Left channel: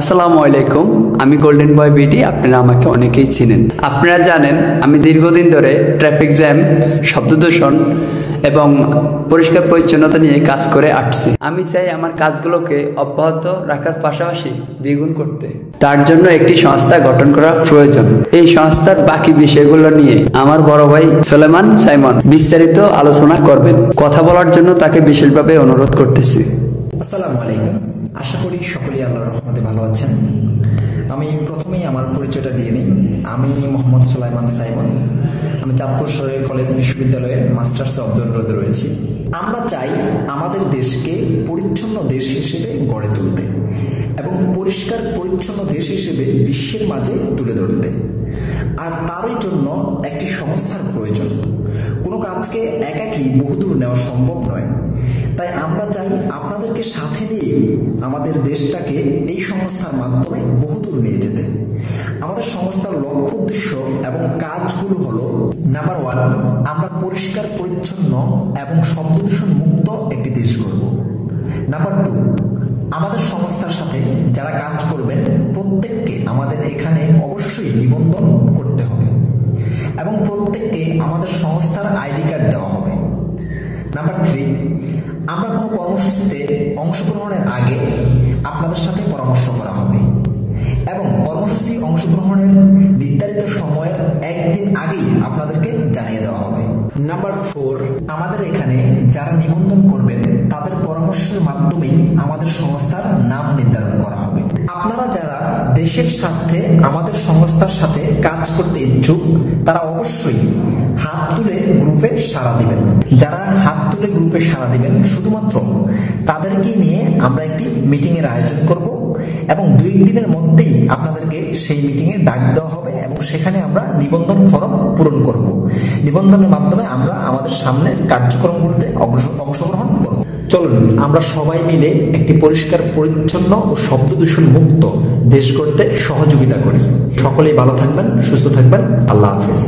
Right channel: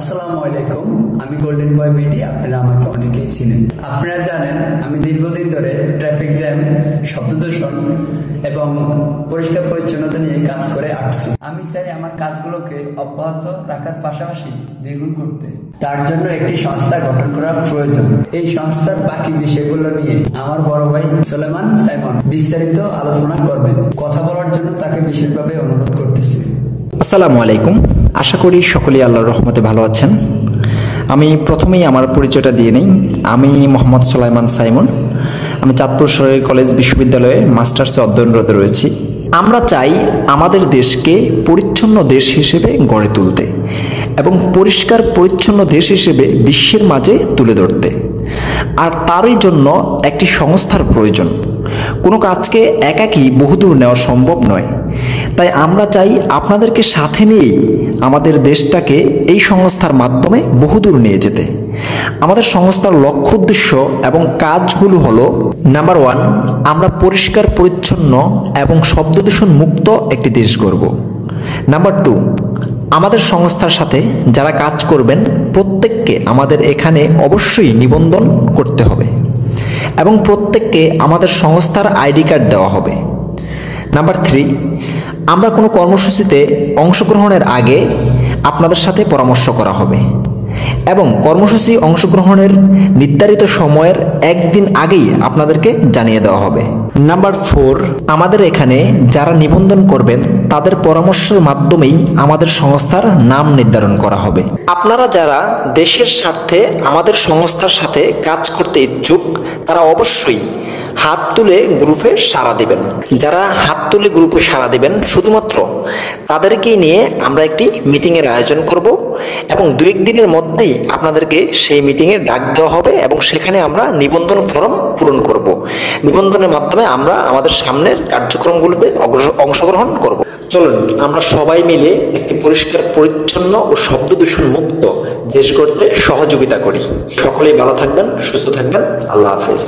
আসসালামু আলাইকুম, আমি গোল্ডেন বয় বিডি। আপনারা আমাকে অনেকেই চিনেন। আপনারা জানেন আমি দীর্ঘদিন ধরে ট্রাফিক জ্যাম, শব্দ দূষণ এবং পরিষ্কার পরিচ্ছন্নতা নিয়ে কাজ করে আসছি। আমি চাই আমার কাজগুলোকে অব্যাহত রাখার পাশাপাশি দ্বিগুণ করতে। তার জন্য একটি সংস্থা গঠন করা প্রয়োজন। এই সংস্থার বাকি বিষয়গুলো নিয়ে আমার বড় ভাই সুলাইমান সাইমন বিস্তারিত আলোচনা করবেন। কথা বলার জন্য তাকে বিশেষভাবে অনুরোধ করতেছি। আসসালামু আলাইকুম, আশা করি সকলেই আল্লাহর রহমতে ভালো আছেন। আমি প্রথমেই আমার পরিচয়টা দিয়ে নিই। আমি মোহাম্মদ সুলাইমান সাইমন। আমি চাঁদপুর সরকারি কলেজ বিশ্ববিদ্যালয়ে মাস্টার্সে অধ্যয়নরত রয়েছি। আমরা চাই আমাদের দেশকে পরিচ্ছন্ন দেশ হিসেবে গড়ে তুলতে এবং পরিষ্কার পরিচ্ছন্ন দেশ হিসেবে বিশ্বের মাঝে তুলে ধরতে। আর তারই জন্য একটি সংস্থার প্রয়োজন। কোনো কাজকে একাকী বহুদূর নেওয়া সম্ভব নয়। তাই আমরা চাই আপনাদেরকে সাথে নিয়েই আমাদের দেশটাকে এই সংস্থার মাধ্যমে বহুদূর নিয়ে যেতে। আমাদের সংস্থার লক্ষ্য উদ্দেশ্য এবং কাজগুলো হলো, নাম্বার 1, আমরা পরিষ্কার পরিচ্ছন্ন এবং শব্দদূষণ মুক্ত একটি দেশ গড়ব। নাম্বার 2, আমাদের সংস্থার সাথে যারা কাজ করবেন প্রত্যেককে আমাদের এখানে অবশ্যই নিবন্ধন করতে হবে এবং প্রত্যেককে আমাদের সংস্থার আইডি কার্ড দেওয়া হবে। নাম্বার 3, আমরা কোনো কর্মসূচিতে অংশগ্রহণের আগে আপনাদের সাথে পরামর্শ করা হবে এবং কর্মসূচি অংশগ্রহণের নির্ধারিত সময়ের একদিন আগেই আপনাদেরকে জানিয়ে দেওয়া হবে। নাম্বার 4, আমাদের এখানে যারা নিবন্ধন করবেন তাদের পরামর্শের মাধ্যমেই আমাদের সংস্থার নাম নির্ধারণ করা হবে। আপনারা যারা দেশের স্বার্থে আমাদের সংস্থার সাথে কাজ করতে ইচ্ছুক তারা অবশ্যই হাত তুলে গ্রুপে সাড়া দিবেন। যারা হাত তুলে গ্রুপে সাড়া দিবেন শুধুমাত্র তাদেরকেই নিয়ে আমরা একটি মিটিংয়ের আয়োজন করব এবং 2-1 দিনের মধ্যেই আপনাদেরকে সেই মিটিংয়ে ডাক দেওয়া হবে এবং সেখানে আমরা নিবন্ধন ফর্ম পূরণ করব। নিবন্ধনের মাধ্যমে আমরা আমাদের সামনের কার্যক্রমগুলোতে অংশগ্রহণ করব। চলুন আমরা সবাই মিলে একটি পরিষ্কার পরিচ্ছন্ন ও শব্দ দূষণ মুক্ত দেশ গড়তে সহযোগিতা করি। সকলেই ভালো থাকবেন, সুস্থ থাকবেন। আল্লাহ হাফেজ।